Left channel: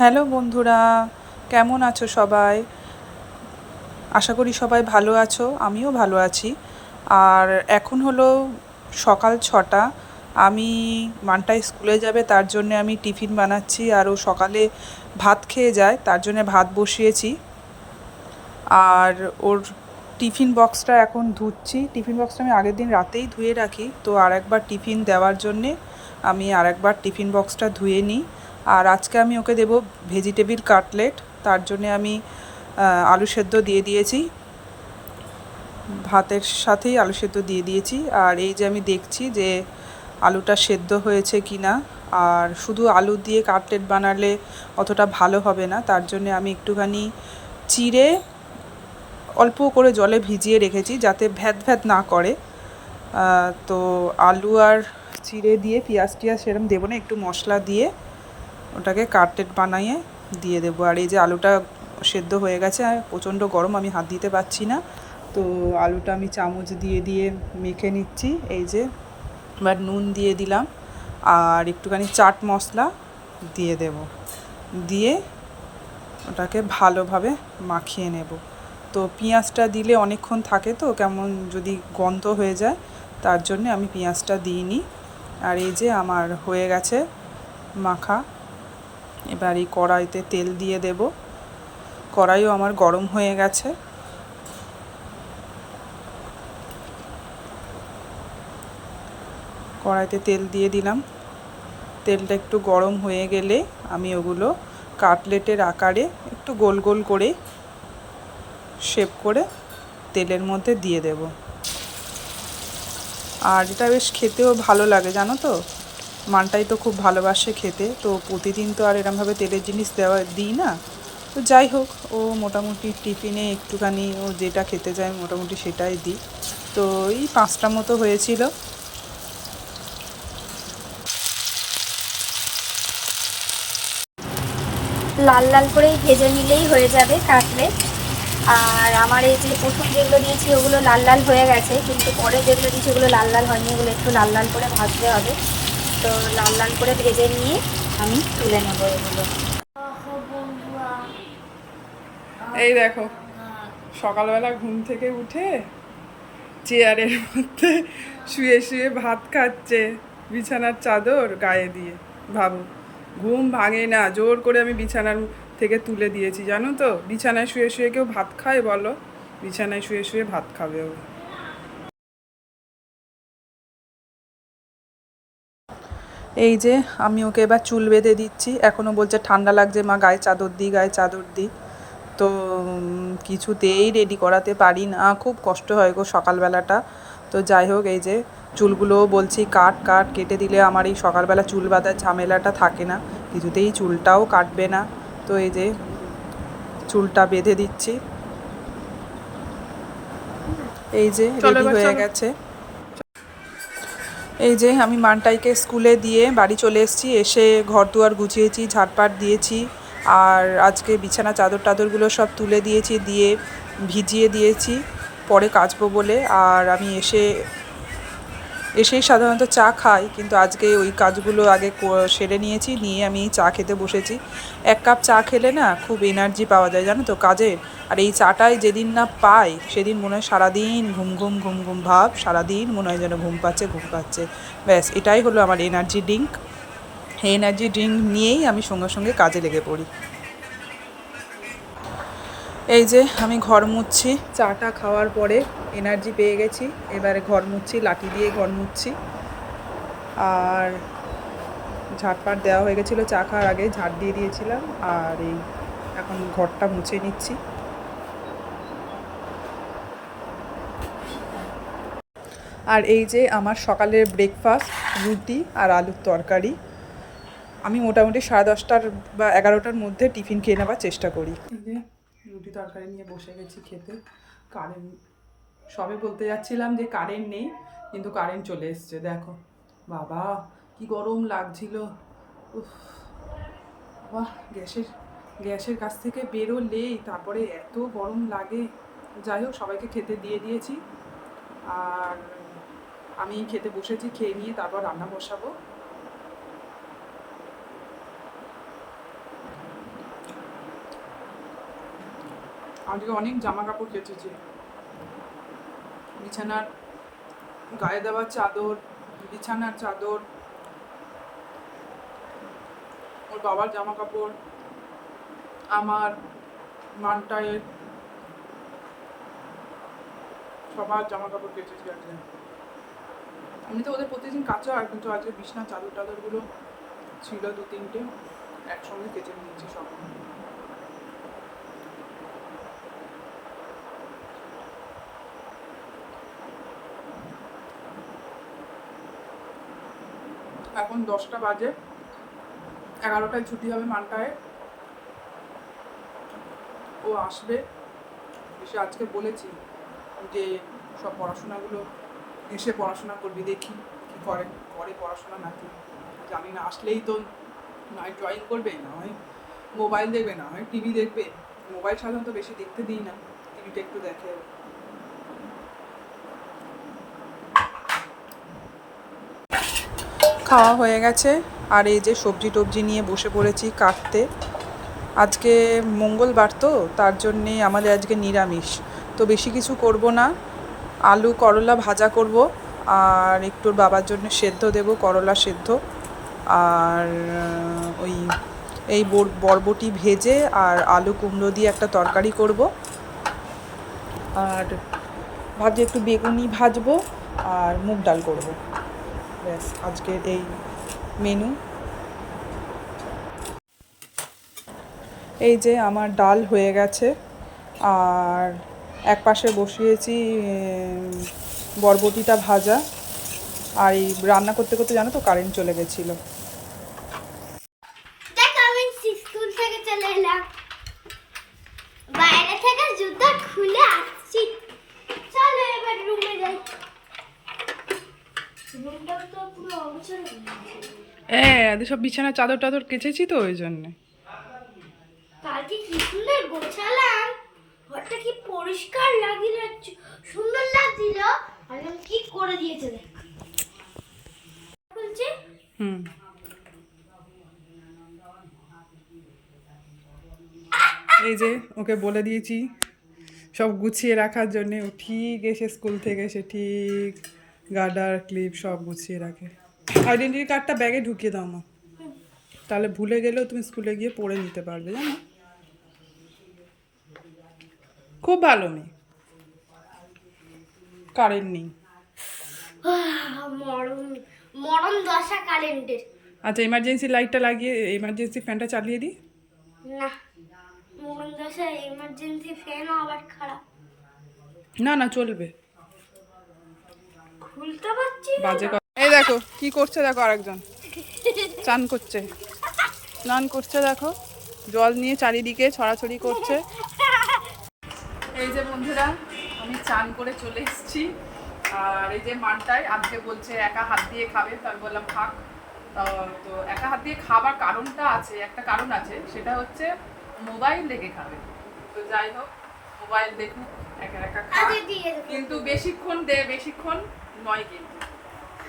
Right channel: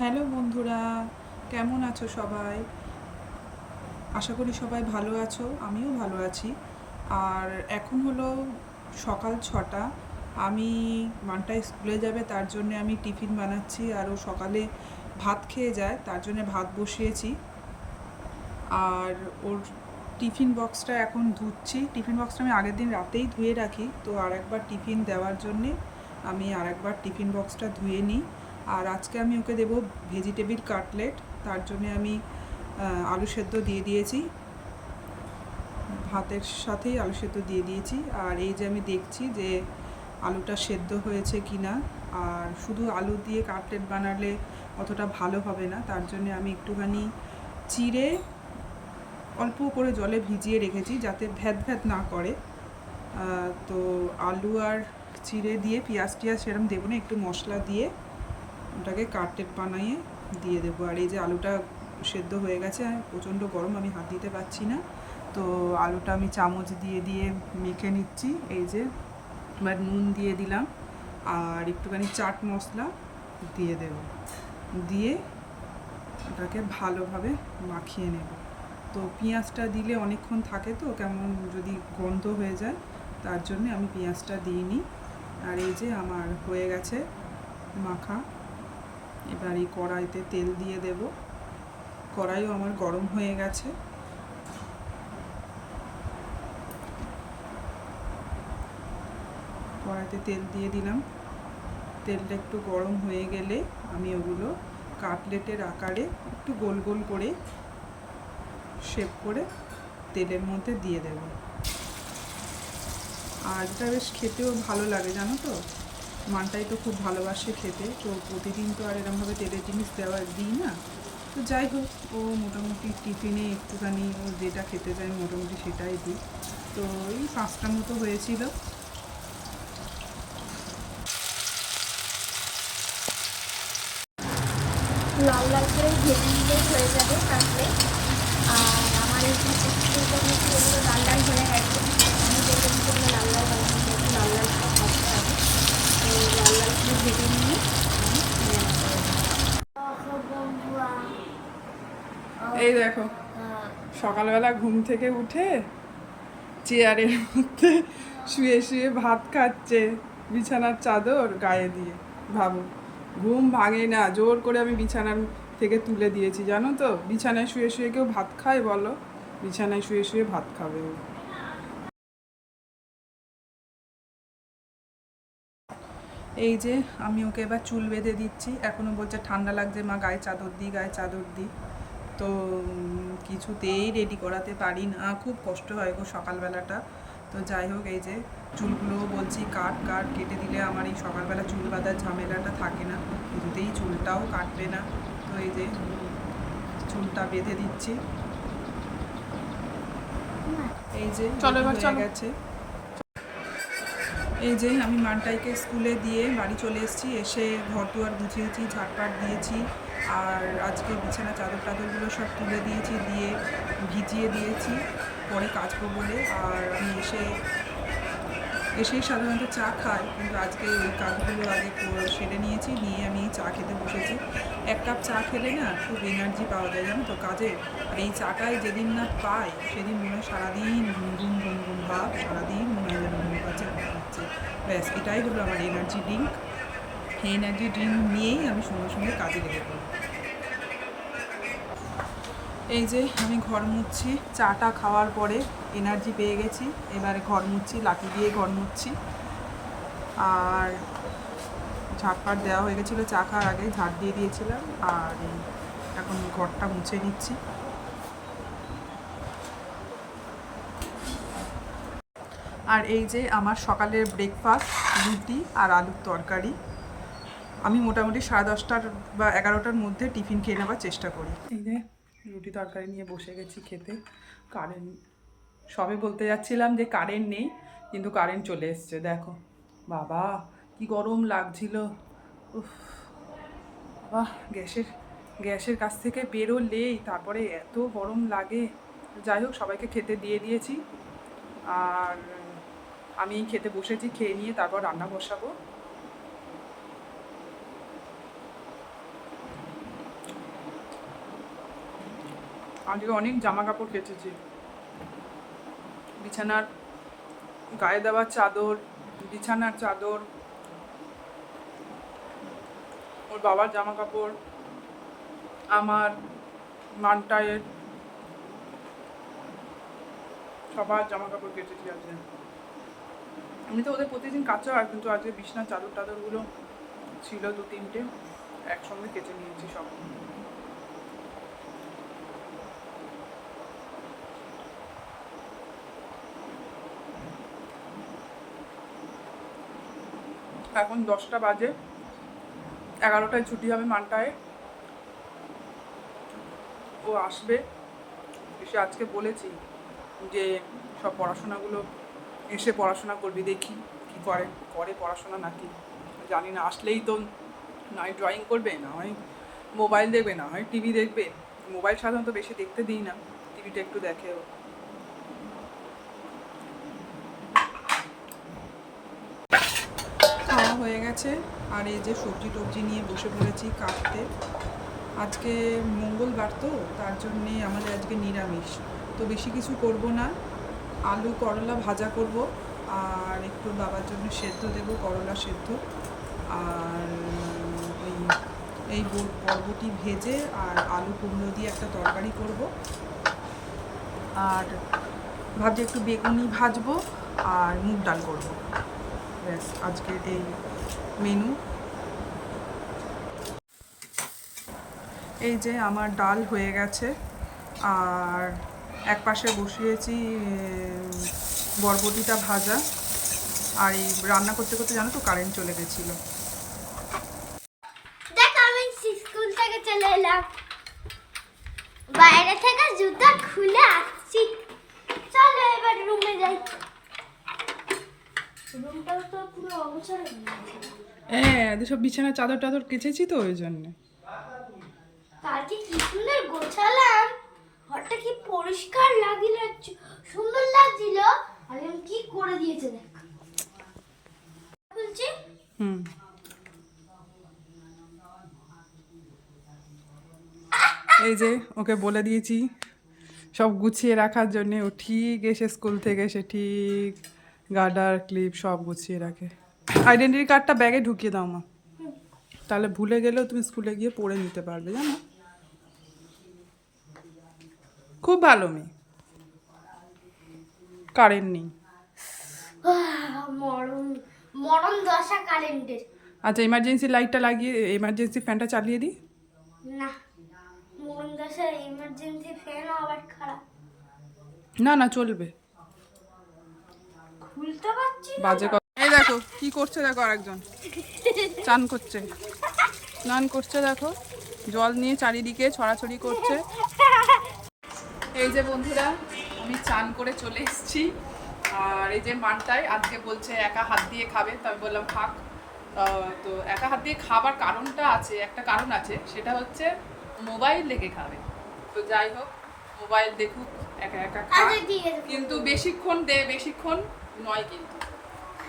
Hello বন্ধুরা, কেমন আছো সবাই? আশা করি সবাই ভালো আছো, আমিও ভালো আছি। আর এখন হলো সকাল 6টা। আমি মানটাই স্কুলে যাবে তার জন্যে আমি টিফিন বানাচ্ছি, আর ও সকালে ভাত খেয়ে যায় তার জন্যে ভাত বসিয়েছি। আর ওর টিফিন বক্সটা এখন ধুচ্ছি। টিফিন বক্সটা আমি আগের দিন রাতেই ধুয়ে রাখি, তো আর একবার টিফিন দেওয়ার জন্যে আমি আর একবার টিফিন বক্সটা ধুয়ে নিই। আর আজকে আমি ওকে দেবো ভেজিটেবিল কাটলেট, তার জন্যে আমি আলু সেদ্ধ দিয়ে দিয়েছি, ভাতের সাথেই আলু সেদ্ধ দিয়ে দিয়েছি। আর এই যে আমি দেখছি যে আলুটা সেদ্ধ হয়েছে কি না। আর শুধু আলু দিয়ে কাটলেট বানালে অতটা ভালো হবে না, তার জন্যে আমি একটুখানি চিড়ে অল্প করে জলে ভিজিয়ে রেখেছি যাতে ভ্যাদ ভ্যাদ না করে। তো আলু আর চিড়ে দিয়ে পেঁয়াজ টিয়াজ সেরকম দেবো না, একটু মশলা দিয়ে ওটাকে কাটলেট বানিয়ে দিয়ে দেবো। আর এই যে আলুটা সেদ্ধ হয়ে গেছে, প্রচণ্ড গরম, আমি হাত দিতে পারছি না। তো আলুটা আমি চামচ দিয়ে দিয়ে মেখে নিচ্ছি। এই যে এবার নুন দিয়ে দিলাম, আর একটুখানি চাট মশলা দিয়ে দেব, দিয়ে ওটাকে ভালোভাবে মাখিয়ে নেব। তো পেঁয়াজটা দিলে অনেকক্ষণ থাকে, তো কেমন যদি গন্ধ হয়ে যায়, তার জন্যে আমি পেঁয়াজটা দিইনি। আর এই যে আমার হয়ে গেছে মাখা। এবার এই কড়াইতে তেল দিয়ে দেব। কড়াইও আমার গরম হয়ে গেছে। কড়াইতে তেল দিয়ে দিলাম। তেলটা একটু গরম হয়ে গেলে আমি ওগুলো কাটলেটের আকারে একটু গোল গোল করে শেপ করে তেলের মধ্যে দিয়ে দেব। আর এটা বেশ খেতেও ভালো লাগে, জানো তো। মানটাই তো খুব ভালোবাসে খেতে, তো প্রতিদিন তো আর এরমভাবে তেলের জিনিস দিই না। তো যাই হোক, ও মোটামুটি টিফিনে একটুখানি ও যেটা খেতে চায় মোটামুটি সেটাই দিই। তো এই 5টা মতো হয়েছিল। লাল লাল করেই ভেজে নিলেই হয়ে যাবে কাটলেট। আর আমার এই যে প্রথম যেগুলো দিয়েছি ওগুলো লাল লাল হয়ে গেছে, কিন্তু পরে যেগুলো দিয়েছি ওগুলো লাল লাল হয়নি, এগুলো একটু লাল লাল করে ভাজতে হবে। তো লাল লাল করে ভেজে নিয়ে আমি তুলে নেবো এগুলো। এই দেখো, সকালবেলা ঘুম থেকে উঠে চেয়ারের মধ্যে শুয়ে শুয়ে ভাত খাচ্ছে, বিছানার চাদর গায়ে দিয়ে। ভাবো, ঘুম ভাঙে না, জোর করে আমি বিছানার থেকে তুলে দিয়েছি, জানো তো। বিছানায় শুয়ে শুয়ে কেউ ভাত খায় বলো? বিছানায় শুয়ে শুয়ে ভাত খাবে ও। এই যে আমি ওকে এবার চুল বেঁধে দিচ্ছি। এখনও বলছে ঠান্ডা লাগছে মা, গায়ে চাদর দিই, গায়ে চাদর দিই। তো কিছুতেই রেডি করাতে পারি না, খুব কষ্ট হয় গো সকালবেলাটা। তো যাই হোক, এই যে চুলগুলোও বলছি কাট কাট, কেটে দিলে আমার এই সকালবেলা চুল বাঁধার ঝামেলাটা থাকে না। কিছুতেই চুলটাও কাটবে না। তো এই যে চুলটা বেঁধে দিচ্ছি। এই যে রেডি হয়ে গেছে। এই যে আমি মানটাইকে স্কুলে দিয়ে বাড়ি চলে এসেছি, এসে ঘর দুয়ার গুছিয়েছি, ঝাড়পাট দিয়েছি। আর আজকে বিছানা চাদর টাদরগুলো সব তুলে দিয়েছি, দিয়ে ভিজিয়ে দিয়েছি পরে কাচবো বলে। আর আমি এসেই সাধারণত চা খাই, কিন্তু আজকে ওই কাজগুলো আগে সেরে নিয়েছি, নিয়ে আমি চা খেতে বসেছি। 1 কাপ চা খেলে না খুব এনার্জি পাওয়া যায়, জানো তো, কাজের। আর এই চাটাই যেদিন না পাই সেদিন মনে হয় সারাদিন ঘুম ঘুম ঘুম ঘুম ভাব, সারাদিন মনে হয় যেন ঘুম পাচ্ছে ঘুম পাচ্ছে। ব্যাস, এটাই হলো আমার এনার্জি ড্রিঙ্ক। এই এনার্জি ড্রিঙ্ক নিয়েই আমি সঙ্গে সঙ্গে কাজে লেগে পড়ি। এই যে আমি ঘর মুছছি, চাটা খাওয়ার পরে এনার্জি পেয়ে গেছি, এবারে ঘর মুছছি, লাঠি দিয়ে ঘর মুছছি। আর ঝাড়পাট দেওয়া হয়ে গেছিলো, চা খাওয়ার আগে ঝাড় দিয়ে দিয়েছিলাম। আর এই এখন ঘরটা মুছে নিচ্ছি। আর এই যে আমার সকালের ব্রেকফাস্ট, রুটি আর আলুর তরকারি। আমি মোটামুটি 10:30 বা 11টার মধ্যে টিফিন খেয়ে নেওয়ার চেষ্টা করি। এই যে রুটি তরকারি নিয়ে বসে গেছি খেতে। কারেন্ট, সবে বলতে যাচ্ছিলাম যে কারেন্ট নেই, কিন্তু কারেন্ট চলে এসছে। দেখো বাবা, কি গরম লাগছিল। উফ বাবা, গ্যাসের কাছ থেকে বেরোলেই তারপরে এত গরম লাগে। যাই হোক, সবাইকে খেতে দিয়ে দিয়েছি। আর আমি খেতে বসেছি, খেয়ে নিয়ে তারপর রান্না বসাবো। আজকে অনেক জামা কাপড় কেচেছি, বিছানার গায়ে দেওয়া চাদর, বিছানার চাদর, ওর বাবার জামা কাপড়, আমার, মানটায়ের, সবার জামা কাপড় কেচেছি আজকে। আমি তো ওদের প্রতিদিন কাচা হয়, কিন্তু আজকে বিছানার চাদর টাদরগুলো ছিল 2-3টে, একসঙ্গে কেচে নিয়েছি সব। এখন 10টা বাজে, 11টায় ছুটি হবে মানটায়। ও আসবে, এসে আজকে বলেছি যে সব পড়াশোনাগুলো এসে পড়াশোনা করবি, দেখি কি করে পড়াশোনা নাকি জানি না। আসলেই তো নয় ড্রয়িং করবে, না হয় মোবাইল দেখবে, না হয় টিভি দেখবে। মোবাইল সাধারণত বেশি দেখতে দিই না, টিভিটা একটু দেখে। খাওয়া হয়ে গেছে, আর এই যে সবজি টবজি নিয়ে বসে পড়েছি কাটতে। আজকে মঙ্গলবার তো, তার জন্যে আমাদের আজকে নিরামিষ, তো বেশি কিছু করব না। আলু করলা ভাজা করব, আর একটু বাবার জন্য সেদ্ধ দেব, করলা সেদ্ধ। আর ওই এই বরবটি ভেজে আর আলু কুমড়ো দিয়ে একটা তরকারি করব। আর ভাবছি একটু বেগুনি ভাজবো আর মুগ ডাল করব। ব্যাস আজকের এই মেনু। এই যে আমার ডাল হয়ে গেছে, আর এক পাশে বসিয়েছি বরবটিটা ভাজা। আর এই রান্না করতে করতে জানো তো কারেন্ট চলে গেছিলো। দেখ আমি স্কুল থেকে চলে এলাম, বাইরে থেকে জুতা খুলে আসছি। চলো এবার রুমে যাই। রুমটাও তো পুরো অগোছালো হয়ে গেছে। হ্যাঁ, সব বিছানা চাদর টাদর কেচেছি তো ওই জন্যে। কালকে কি সুন্দর গোছালাম, ঘরটা কি পরিষ্কার লাগিল, সুন্দর লাগছিল। আর কি করে দিয়েছে দেখ। খুলছে। হুম, এই যে ওকে বলে দিয়েছি সব গুছিয়ে রাখার জন্যে। ও ঠিক এসে স্কুল থেকে এসে ঠিক গার্ডার ক্লিপ সব গুছিয়ে রাখে। আইডেন্টিটি কার্ডটা ব্যাগে ঢুকিয়ে দাও মা, তাহলে ভুলে গেলেও তুমি স্কুলে গিয়ে পড়ে নিতে পারবে, জানো। খুব ভালো মেয়ে। কারেন্ট নেই। মরণ মরণ দশা কারেন্টের। আচ্ছা, এমার্জেন্সি লাইটটা লাগিয়ে এমার্জেন্সি ফ্যানটা চালিয়ে দিই। না, মরণ দশা এমার্জেন্সি ফ্যানও আবার খারাপ। না না, চলবে। খুলতে পারছি না। বাজে কথা। এই দেখো কি করছে, দেখো আরেকজন চান করছে, স্নান করছে, দেখো জল নিয়ে চারিদিকে ছড়াছড়ি করছে। এই যে বন্ধুরা, আমি চান করে চলে এসেছি। আর এই যে মানটাই আজকে বলছে একা হাত দিয়ে খাবে, তো আমি বললাম থাক। তো একা হাত দিয়ে খাবার কারণটা আছে, একটা কারণ আছে, সেটা হচ্ছে মোবাইল দেখে খাবে। তো যাই হোক, মোবাইল দেখুক, একা একা খাক, আচ্ছা ঠিক আছে, কিন্তু বেশিক্ষণ নয় কিন্তু।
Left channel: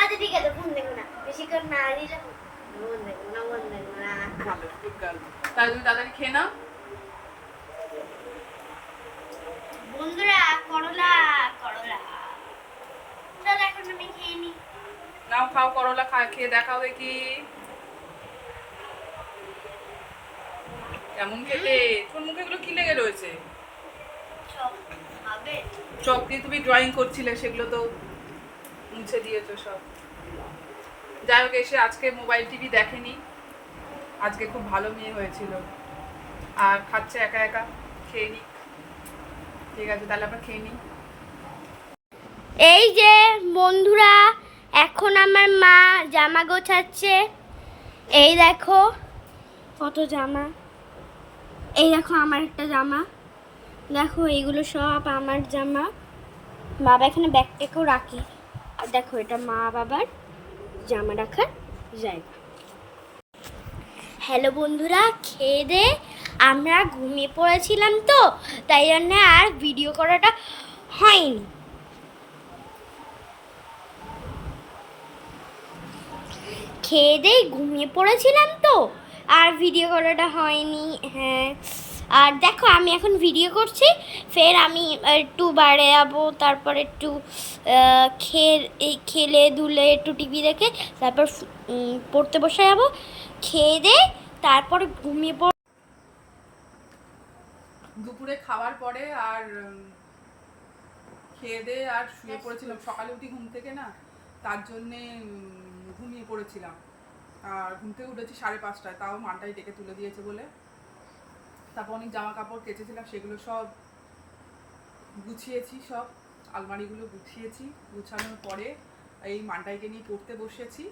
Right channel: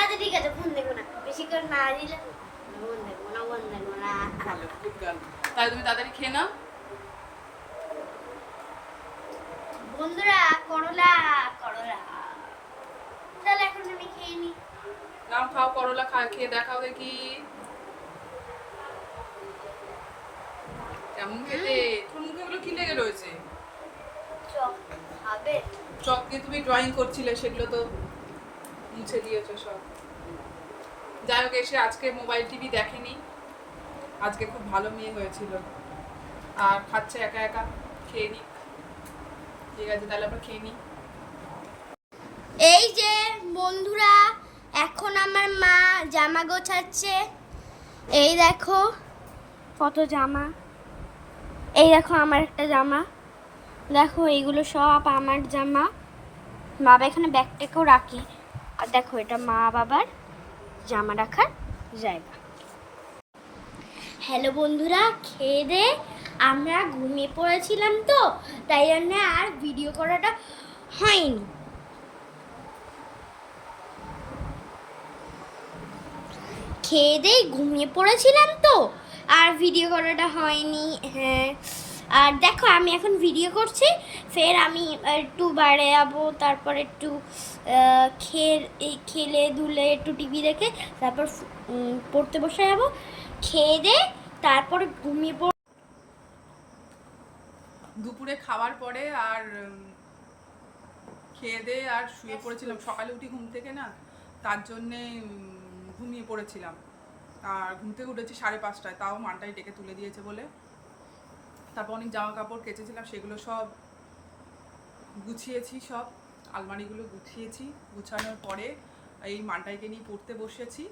আচ্ছা ঠিক আছে, ফোন দেখো না, বেশি করে না দিলে ফোন দেখবো না, ফোন দেখবো না। ভালো, গুড গার্ল। তাই তুমি তাড়াতাড়ি খেয়ে নাও। বন্ধুরা করলা করলা, চলো এখন আমি খেয়ে নি। নাও খাও, করলা খেয়ে দেখাও দেখি কেমন খেতে। তোমার মুখে এগুলো কি লেগে রয়েছে? চপ খাবে? চক দিয়ে তুমি ড্রয়িং করছিলে, সেগুলো তো মুছে দিয়েছো সব। যাই হোক, এসে আজকে মোবাইল টিভি দেখেনি, আজকে খুব ভালো মেয়ে হয়েছিল। আর খাচ্ছে একা একা, খেয়ে নিক। ঠিক আছে, তাহলে আমরা খেয়ে নিই। এই যে বন্ধুরা, এখন আমার মা জামা গোছাচ্ছে। এই দেখো কত জামা, এই দেখো আমার একটা জামা, দেখো এইগুলো সব আমার জামা। বাবা এখানে ব্যাগটাকেও রাখি। আর দেখো এটা মা বাবার জামা রাখার জায়গা। হ্যালো বন্ধুরা, খেয়ে দে আমরা ঘুমিয়ে পড়েছিলাম, তো তাই জন্য আর ভিডিও করাটা হয়নি। খেয়ে দিয়ে ঘুমিয়ে পড়েছিলাম, তো আর ভিডিও করাটা হয়নি। হ্যাঁ, আর দেখো আমি এখন ভিডিও করছি, ফের আমি একটু বাইরে যাবো, তারপর একটু খেলে ধুলে একটু টিভি দেখে তারপর পড়তে বসে যাবো, খেয়ে দে তারপর ঘুমিয়ে পড়। দুপুরে খাওয়ার পরে আর খেয়ে দিয়ে আর শুয়ে পড়েছিলাম, সকালে উঠি ঘুম থেকে না, তার জন্যে ঘুমিয়ে পড়েছিলাম। আর ঘুম থেকে উঠেছি 5:30টায়, তাও মানটাই ডেকে তুলে দিয়েছে বলে। তারপর অনেক জামা কাপড় কেচেছিলাম, সেগুলো সব গুছিয়েছি, সব আলমারিগুলো গুছিয়েছি। গুছানোর পরে এই মানটাইকে নিয়ে পড়তে বসেছি।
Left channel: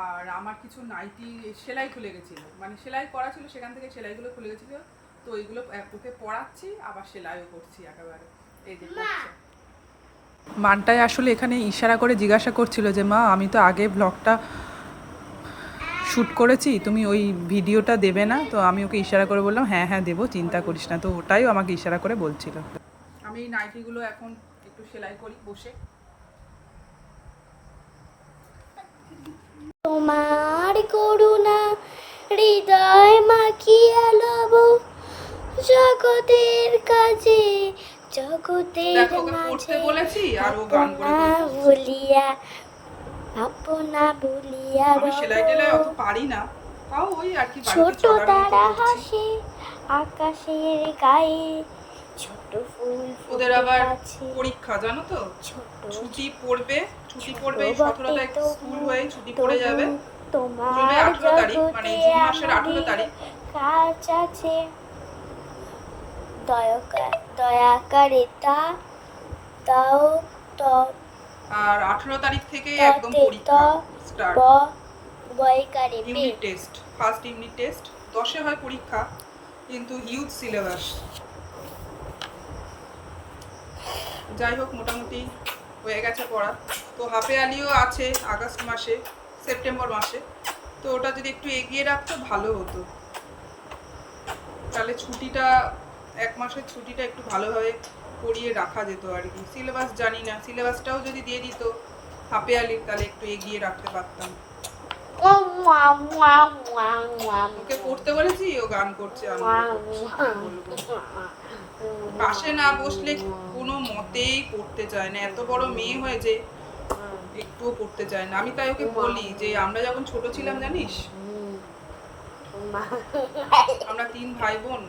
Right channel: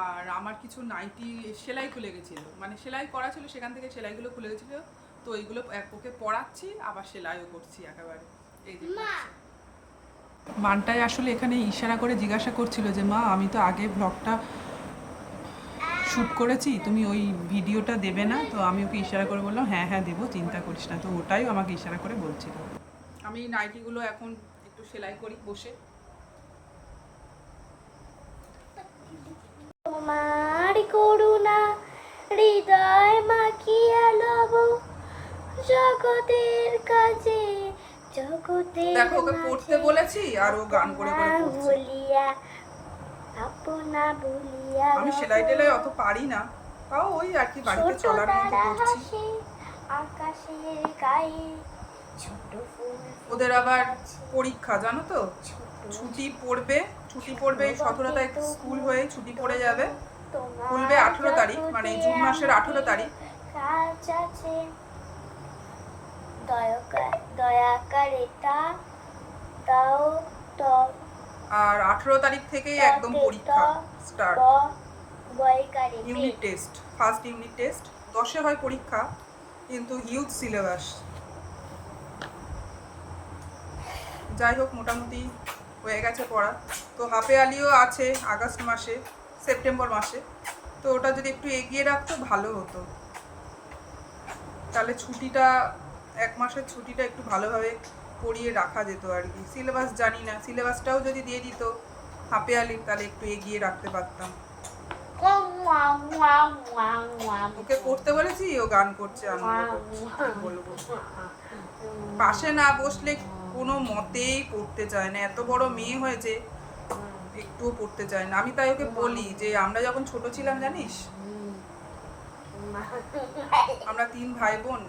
আর আমার কিছু নাইটি সেলাই খুলে গেছিলো, মানে সেলাই করা ছিল, সেখান থেকে সেলাইগুলো খুলে গেছিলো, তো ওইগুলো ওকে পরাচ্ছি, আবার সেলাইও করছি একেবারে। এই যে মানটাই আসলে এখানে ইশারা করে জিজ্ঞাসা করছিল যে মা আমি তো আগে ব্লগটা শ্যুট করেছি, তুমি ওই ভিডিওটা দেবে না? তো আমি ওকে ইশারা করে বললাম হ্যাঁ হ্যাঁ দেবো, চিন্তা করিস না। তো ওটাই আমাকে ইশারা করে বলছিল। আমি এই নাইটিগুলো এখন একটু সেলাই করি বসে। তোমার করুণা হৃদয় মাখিয়া লব জগতের কাজে জগতের দেখো ওকে পড়তে বলেছি আর ও গান করে করে পড়ছে। ভুলিয়া আপনা ভুলিয়া আমি সেলাই টেলাই অত পারি না, তাও ওই আর কি বাড়িতে চলার মতো করছি। আকাশের গায়ে ছোট ফুল ওদের আবার পরীক্ষা জানো তো, ছুটি পড়বে এই 17 তারিখ স্কুল হয়ে ছুটি পড়ে যাবে, খুলবে 18 তারিখ, মানে জুন মাসের 18 তারিখ। কাজ আছে দয়া করে তাও তো। আর 18 তারিখ থেকে একদম পরীক্ষা start, unit test, first unit test. 10-এ হয় পরীক্ষা, কিন্তু হিউজ সিলেবাস। যাই হোক মোটামুটি হয়ে গেছে পড়া। তো হাফে আলিও আছে আগস্ট মাসে, সেপ্টেম্বর মাসে, তো ওটা যদি একটু এগিয়ে রাখতো ভালো হতো, তাহলে ছুটিটা 1 মাসের ছুটিটা একটু ভালোভাবে পড়িয়ে রাখা যেত আর কি। সিলেবাস জানি না, সিলেবাসটাও যদি দিয়ে দিত হাফে আলির, তাহলে একটু এগিয়ে রাখতে পারতাম। ওকে পড়তে বলেছি, ও গান করছে, আনন্দ করছে, বলবো। পাশে না বসলে কোনো মতেই পড়তে চায় না, এত বড় মেয়ে হয়েছে একটুও পড়তে চায় না। আমি তাই ওকে বলি যে আমরা যখন ছোট ছিলাম জানিস, আমরা 3 ভাই বোন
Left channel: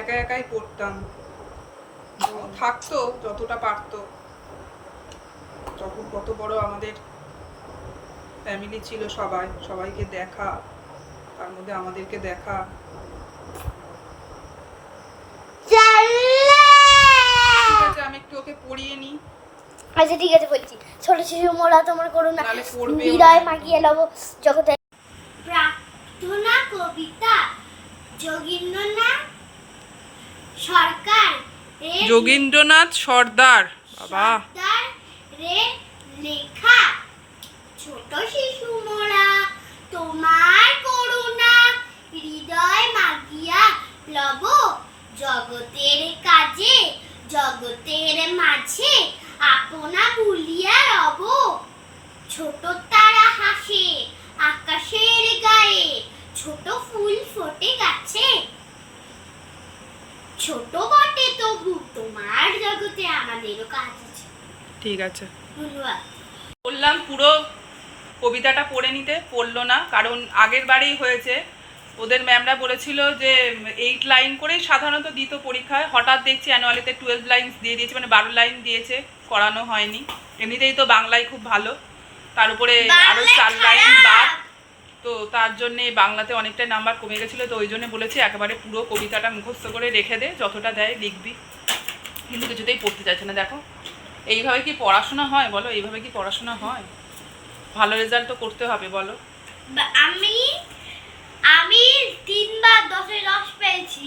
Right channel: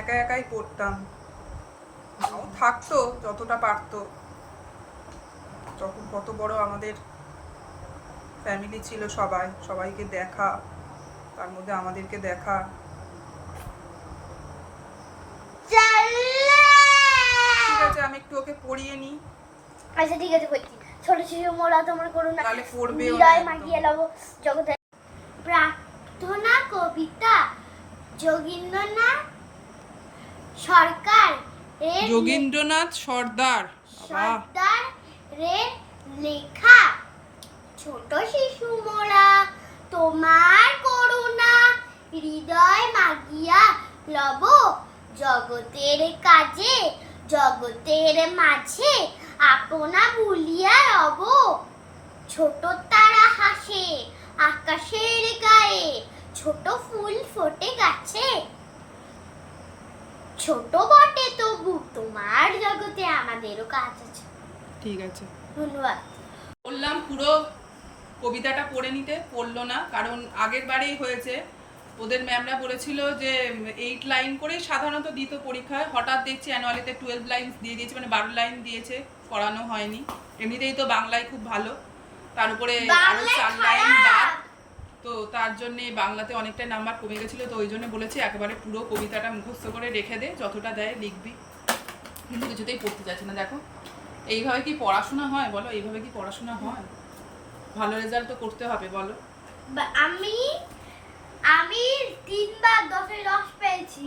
একা একাই পড়তাম, ও থাকতো যতটা পারতো। তখন কত বড় আমাদের ফ্যামিলি ছিল, সবাইকে দেখা, তার মধ্যে আমাদেরকে দেখা। ঠিক আছে আমি একটু ওকে পড়িয়ে নিই। আচ্ছা ঠিক আছে বলছি। ছোট শিশু মোরা তোমার করুণা নালে পড়বে হৃদয় মাগিয়ে লব জগতে। প্রার্থনা কবিতা যোগীন্দ্রনাথ সরকার যোগীন্দ্রনাথ সর্দার, বাবা রে লেখা। ছোট শিশু মোরা তোমার করুণা হৃদয় মাগিয়া লব জগতের কাজে জগতের মাঝে আপনা ভুলিয়া রব। ছোট তারা হাসে আকাশের গায়ে, ছোট ফুল ফোটে গাছে, ছোট বটে তবু তোমার জগতে আমাদেরও কাজ আছে। ঠিক আছে ধন্যবাদ। বললাম পুরো কবিতাটা পড়ে নিতে, পড়লো না, কারণ আগের বারেই হয়েছে, ওদের ম্যামরা বলেছিল যে 8 লাইন করেই সাধারণত দিত পরীক্ষায়, হঠাৎ দেখছি অ্যানুয়ালিতে 12 লাইন দিয়ে দিয়েছে, মানে 12 লাইন দিয়েছে, করানো হয়নি। এমনিতেই তো বাংলায় খুব ভালো, তার উপরে আরও 4 লাইন বাদ, তো তার জন্যে বাংলাতে অনেকটাই নাম্বার কমে গেছিলো। তো ওই জন্য বলেছি একেবারে পুরো কবিতাটা মুখস্থ করে রেখে দে, যতটা দেয় লিখবি, কিন্তু কিছুতেই পড়তে চাইছে না। দেখো এইভাবে কি পড়াশোনা হয় বলো, এইভাবে কি পড়াশোনা হয়? ভালো রেজাল্ট তো করতে হবে বলো। আমি 3 বার 10-এ 10 পেয়েছি।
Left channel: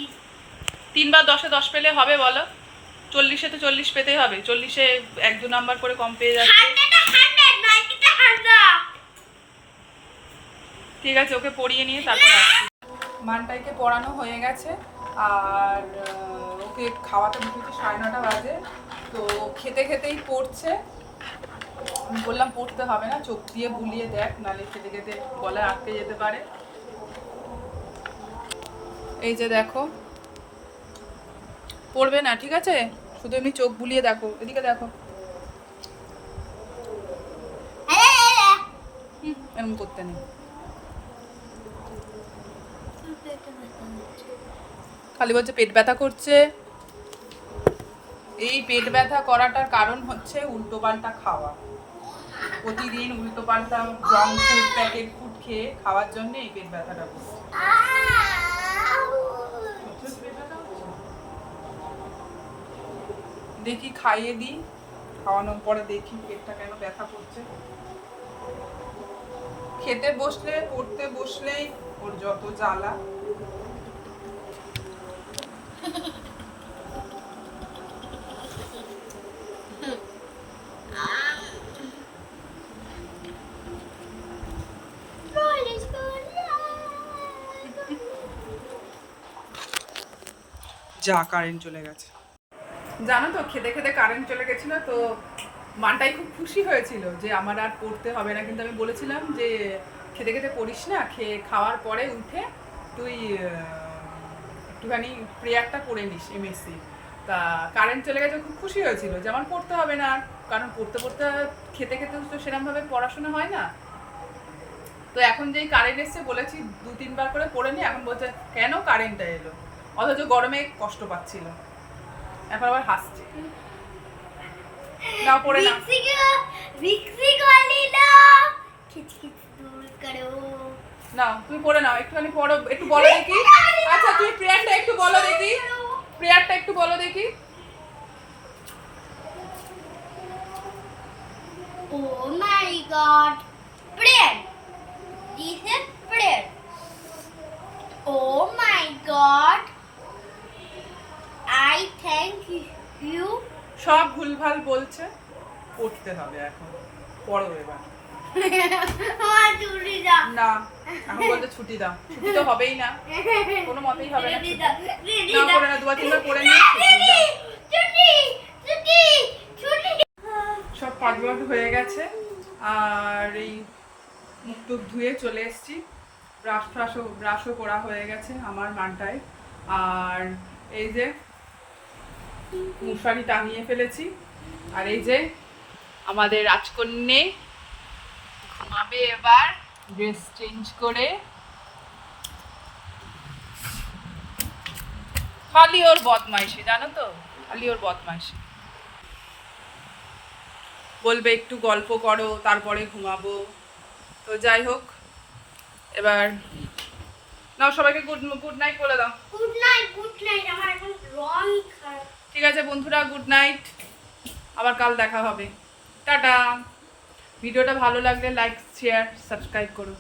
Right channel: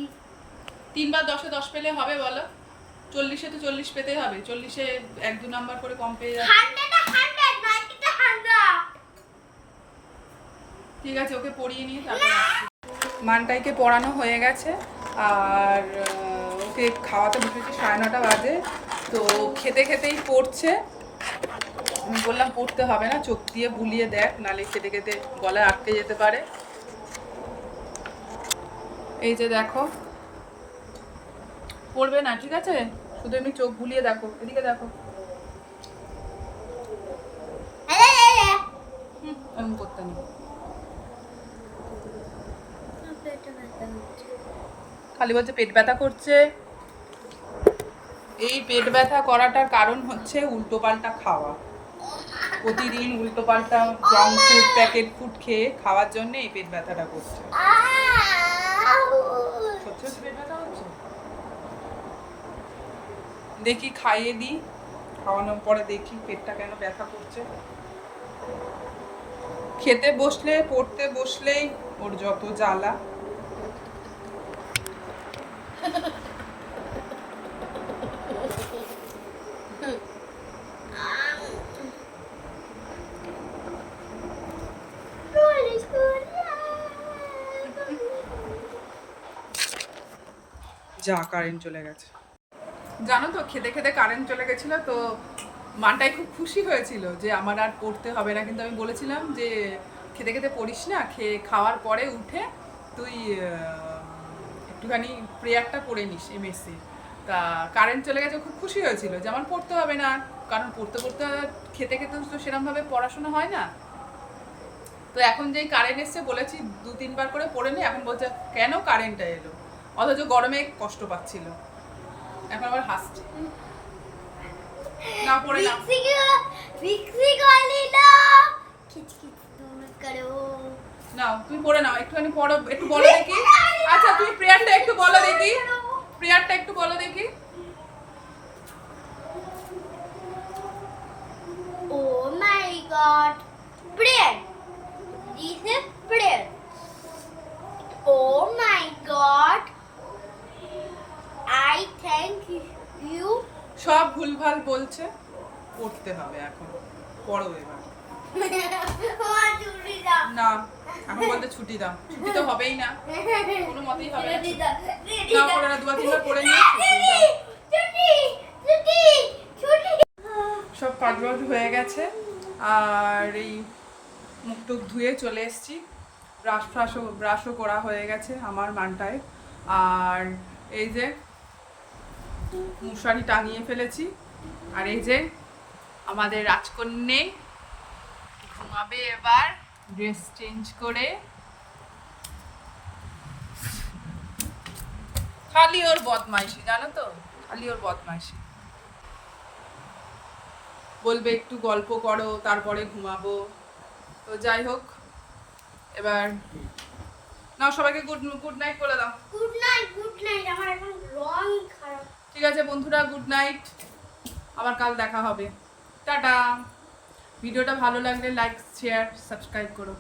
3 বার 10-এ 10 পেলে হবে বলো? 40-এ তো 40 পেতেই হবে, 40-এ 1-2 নাম্বার করে কম পেয়ে যাচ্ছে। ঠিক আছে ওকে পড়িয়ে নিয়ে তারপর আসছি। মানটাইকে পড়ানো হয়ে গেছে, আর ওকে খাওয়াতে বসেছি 9:30 বাজে। তো খেতে খেতেই পড়ছে, আমি বললাম পড়তে হবে না, চোখ দিয়ে বুলিয়ে দেখ, নালে খেতে খেতে গলায় আটকে যেতে পারে। এই যে দেখো পড়বে না, ঠিক আছে? শুধু এমনি চোখ বুলিয়ে দেখো, এদিকে দেখো। এরকম করতে নেই, খালি বলছে পেট ব্যথা করছে। এই পেট ব্যথা করাটার কারণ হচ্ছে উল্টোপাল্টা খাওয়া, প্রতিদিন উল্টোপাল্টা জাঙ্ক ফুড, প্যাকেট ফুড খেয়ে খাওয়ার জন্য এই পেট ব্যথাটা করছে। সত্যি সত্যি পেট ব্যথা হচ্ছে? দেখি খাইয়ে দিই, খাওয়ানোর পরে দেখি পেটটা কেন ব্যথা করছে। খেতে বসলে, পড়তে বসলেই ওর যত জ্বালা। যা, কারেন্ট চলে গেছে। জানো তো, খেতে খেতে কারেন্ট চলে গেছিল, তো মানটাই খুব খুশি হয়েছিল যে আমার আর পড়তে হবে না। কিন্তু আমি বলেছিলাম যে খেতে খেতে পড়িস না, খাওয়ার পরে উঠে তুই একটুখানি প্রেয়ারটা পড়ে নিস এমএসসি। তা কারেন্ট চলে গেছে, খুব খুশি হয়েছিল যে আমার পড়তে হবে না, কারণ পড়তে পড়তে খেতে খেতে তো সেরকমভাবে পড়াশোনা হয় না। তো এখন যেই কারেন্ট এসছে বলেছি 2-3 বার করে পড়ে নি, এখন বলছে কেন কারেন্টটা এলো, অথচ গরমে কষ্ট পাচ্ছিল, এখন আবার হাসছে। না পড়ে না, না তুমি পড়ে নাও, একটুখানি পড়ো, একটু বলো দেখি। আচ্ছা তুমি প্রেয়ারটা একটু বলো দেখি, প্রেয়ারটা একটু বলো দেখি। Oh my God! Prayer. This is prayer. Oh my God! I thank you. সব ভুলভাল বলছে, পড়তে হবে এখন, পড়ো এবার। না, এখন বলতে ছুটি দাও, ছুটি তো হবেই না, কোনো মতেই হবে না ছুটি। না পড়ে না, 2-3 বার পড়ে নিয়ে সব কাজবাজ হয়ে গেছে। আর এই মুখ টুক ধুয়ে চলে এসেছি, ব্রাশও করা হয়ে গেছে আমার মানটায়। আর এই যে মশারি টাঙিয়ে ফেলেছি, আর এই যে আমাদের রাজকন্যে ঘুমাবে এবার ড্রেস চেঞ্জ করে। খালি ওর বদমাইশি, জানো তো, খালি ওর বদমাইশি। বলবে একটু গল্প করো তারপরে ঘুমাবো। তো যাই হোক, এবার নাও সবাইকে গুড নাইট বলে দাও। Good night, good night. আমার এখন রং খারাপ। ঠিক আছে বন্ধুরা, গুড নাইট, আবার কাল দেখা হবে, টাটা। ভিডিওটা ভালো লাগলে লাইক, শেয়ার, সাবস্ক্রাইব করো।